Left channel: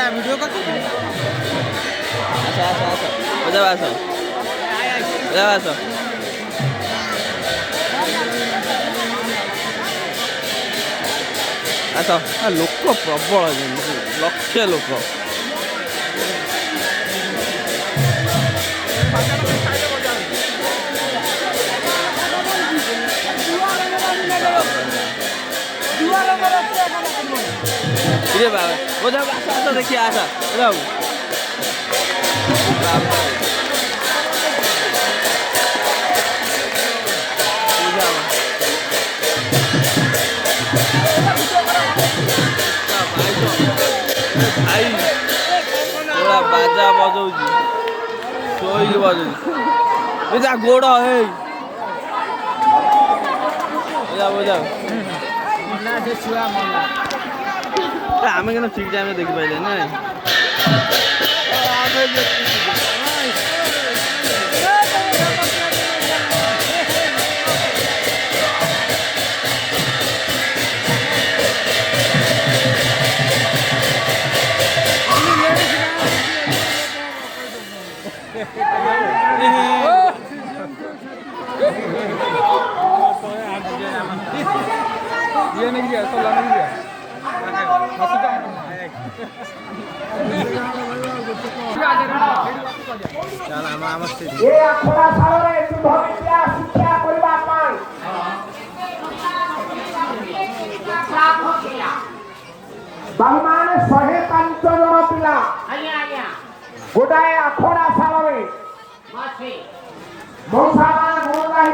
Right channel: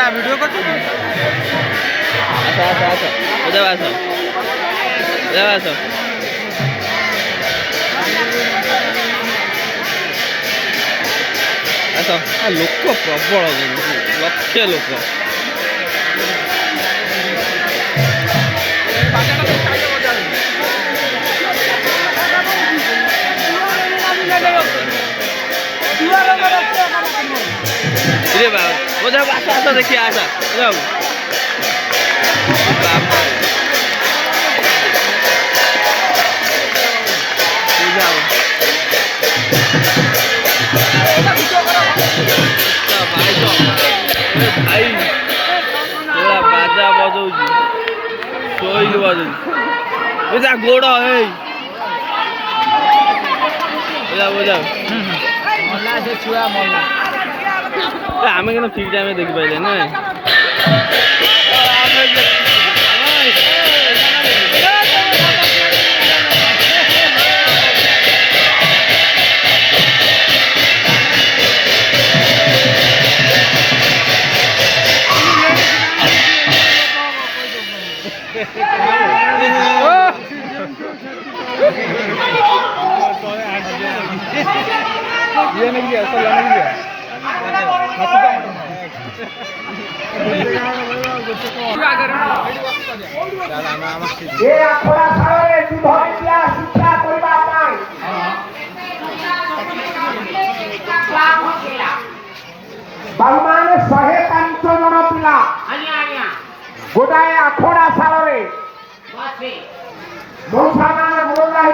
करा वीडियो कर तू आसा आसा आसा ओजा आसा ओजा आसा आसा आ लोक प्रबल लक्ष लोक रे बाबा ओजा आसा आसा देखिए आसा जाओ बाबा जाओ भाई तो भाई थोड़ा बाजा बजाऊँ शोई बजाऊँ जा गोड़ है बजाओ बजाओ आमे क्या ठीक टाइम देखी पाइले ना ये नहीं गया सला नहीं गया ये अखरा सारे सुधरिया शिक्षा करबा पाई बालमाने 105 जन पिला गोटाए अखरा सारे मौसा मान गोटाए